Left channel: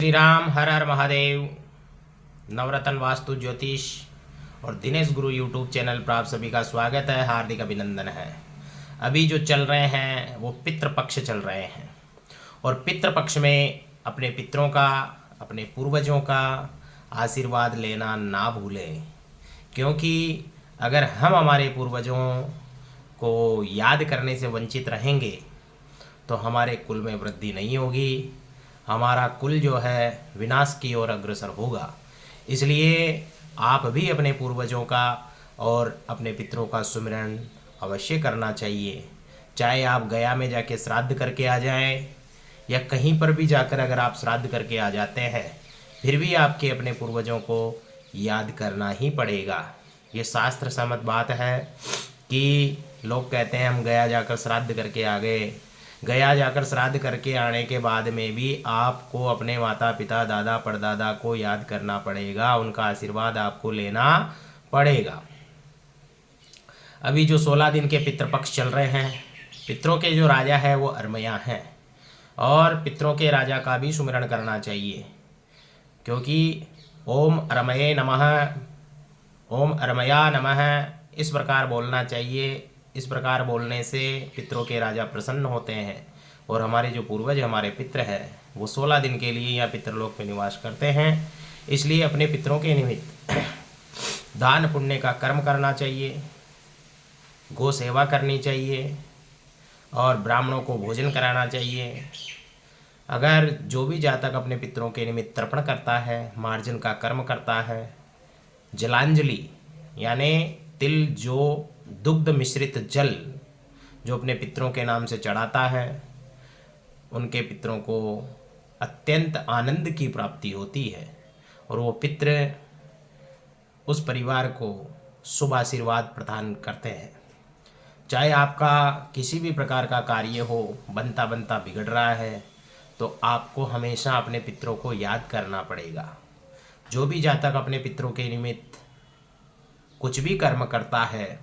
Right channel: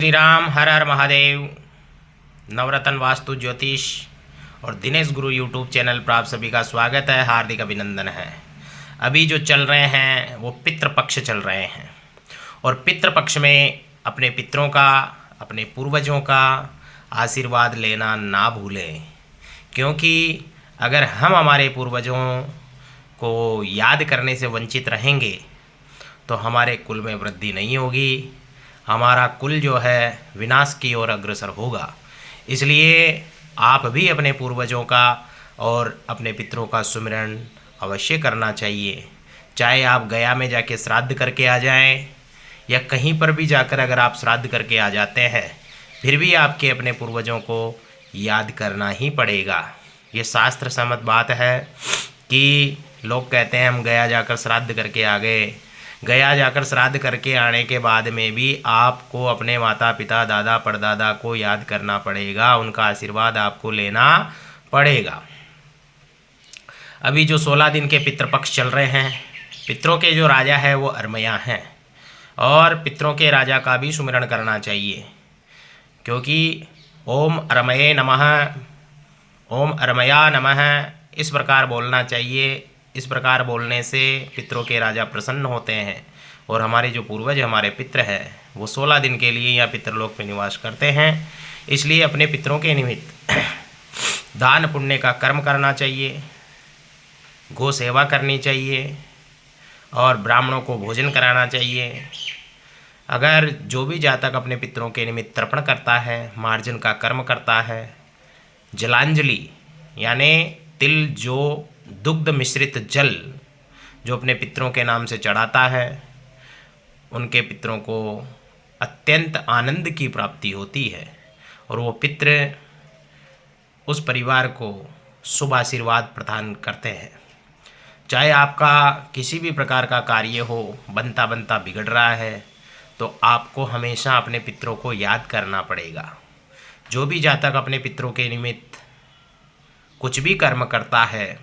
श्री राम हर हर महादेव। नवरत्न वास्तु ज्योतिष और दिनेश गुरु YouTube channel पर आप सभी का स्वागत है, हार्दिक अभिनंदन है। अभी जो चल रहे हैं वो पितृपक्ष चल रहे हैं और पितृपक्ष में अपने पितरों का, अपने पूर्वजों का आशीर्वाद लेना ना भूलें, क्योंकि अगर हम हमारे पूर्वजों को याद करने से वंचित रहेंगे तो हमारे कुल में वृद्धि नहीं होगी, हमारा कुल जो है विनाश की ओर अग्रसर होगा। इसलिए आप भी अपने पूर्वजों का और अपने पितरों का सुमिरन अवश्य करना चाहिए। चाहे आप गया में जाके श्राद्ध करके आ जाएं या कहीं पर भी जाकर अगर आप श्राद्ध करके आ जाते हैं, फिर भी आपके अपने पूर्वजों को याद करना ही पड़ेगा। ये शास्त्र सम्मत बात है कि लोग कहते हैं हम गया जाकर श्राद्ध करके आ गए। गया जाकर श्राद्ध करके आने के बाद में भी आपको अपने माता पिता, दादा परदादा को याद करना पड़ेगा, उनका आशीर्वाद आपको लेना पड़ेगा। अभी जो 16 दिन के पितृपक्ष चल रहे हैं, पितरों के जो राजा है वो अरमया हैं और पितरों के राजा का भी सुमिरन करना चाहिए, क्योंकि ओम अरमये नमः, ओम अरमया नमः इस प्रकार बोलना चाहिए। इस प्रकार बोलने से पितरों के राजा प्रसन्न होते हैं और हमारे जो पूर्वज, हमारे पितृ हैं, वो 16 दिन के लिए यहाँ पितृलोक में निवास करते हैं। इसलिए अपने पितरों के निमित्त दान पुण्य का कर्म करना चाहिए, गौ सेवा करनी चाहिए और ब्राह्मणों को भोजन कराना चाहिए। अगर जो भी जातक अपने पितरों के निमित्त तर्पण करता है, मार्जन का कर्म करता है, जलांजलि यानी तिल जो दुग्ध मिश्रित जल जो अपने पितरों के नाम से चढ़ाता है, उनके पितरों को अत्यंत आनंद की प्राप्ति होती है और वो पितृ उस परिवार को शुभ आशीर्वाद प्रदान करते हैं। चाहे आपका किसी भी प्रकार का कार्य हो, बनता बनता बिगड़ रहा है, तो आपको हमेशा अपने पितरों को याद करना पड़ेगा। जो भी जातक अपने पितरों के निमित्त कुछ भी कर्म करता है,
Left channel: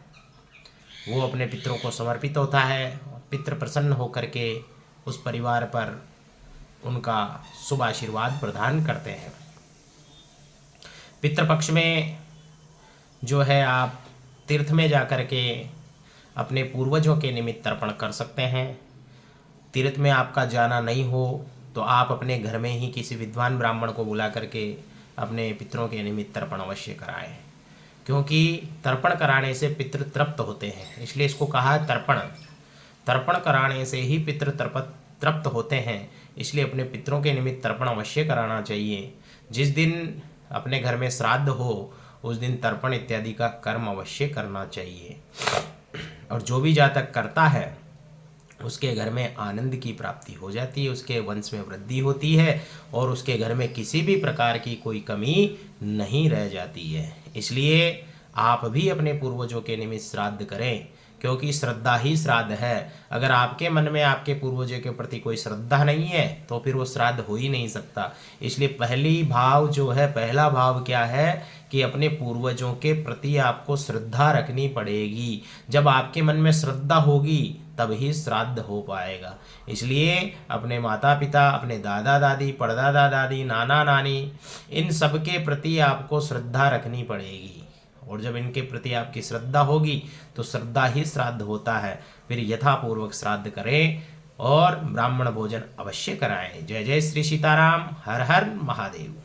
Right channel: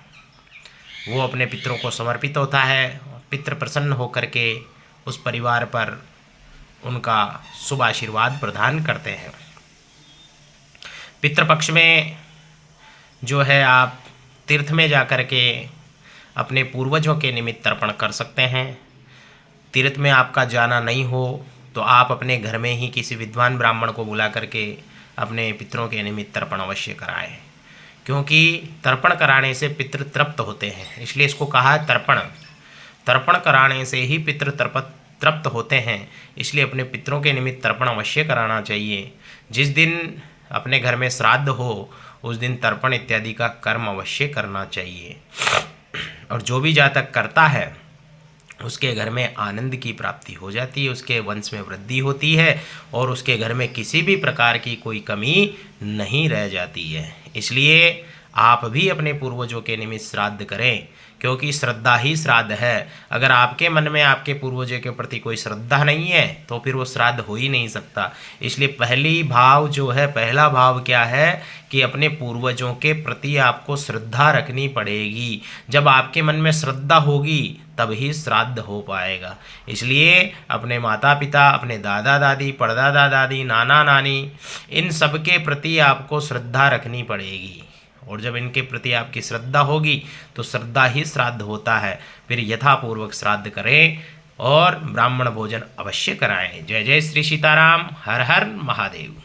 वो अपने पितरों को समर्पित होता है। पितृ प्रसन्न होकर के उस परिवार पर उनका शुभ आशीर्वाद प्रदान करते हैं। पितृपक्ष में जो है आप तीर्थ में जाकर के अपने पूर्वजों के निमित्त तर्पण कर सकते हैं। तीर्थ में आपका जाना नहीं हो तो आप अपने घर में ही किसी विद्वान ब्राह्मण को बुला करके अपने पितरों के निमित्त तर्पण अवश्य कराएं, क्योंकि तर्पण कराने से पितृ तृप्त होते हैं। इसलिए इसको कहा है तर्पण। तर्पण कराने से ही पितृ तृप्त होते हैं। इसलिए अपने पितरों के निमित्त तर्पण अवश्य कराना चाहिए। जिस दिन अपने घर में श्राद्ध हो उस दिन तर्पण इत्यादि का कर्म अवश्य करना चाहिए। और जो भी जातक करता है उसके घर में आनंद की प्राप्ति हो जाती है, उसके वंश में वृद्धि होती है और उसके घर में किसी भी प्रकार की कोई कमी नहीं रह जाती है। इसलिए आप भी अपने पूर्वजों के निमित्त श्राद्ध करें, क्योंकि श्रद्धा ही श्राद्ध है। अगर आपके मन में आपके पूर्वजों के प्रति कोई श्रद्धा नहीं है तो फिर वो श्राद्ध हो ही नहीं सकता। इसलिए पहला भाव क्या है कि अपने पूर्वजों के प्रति आपको श्रद्धा रखनी पड़ेगी। जब आपके मन में श्रद्धा होगी तब ही श्राद्ध हो पाएगा। इसलिए अपने माता पिता, अपने दादा दादी, परदादा दादी, नाना नानी, इन सब के प्रति आपको श्रद्धा रखनी पड़ेगी। और जब इनके प्रति आपकी श्रद्धा होगी तो श्रद्धा ही श्राद्ध होता है। फिर यथापूर्वक श्राद्ध करें और ब्राह्मण भोजन अवश्य कराएं। जय जय श्री सीताराम, हर हर महादेव।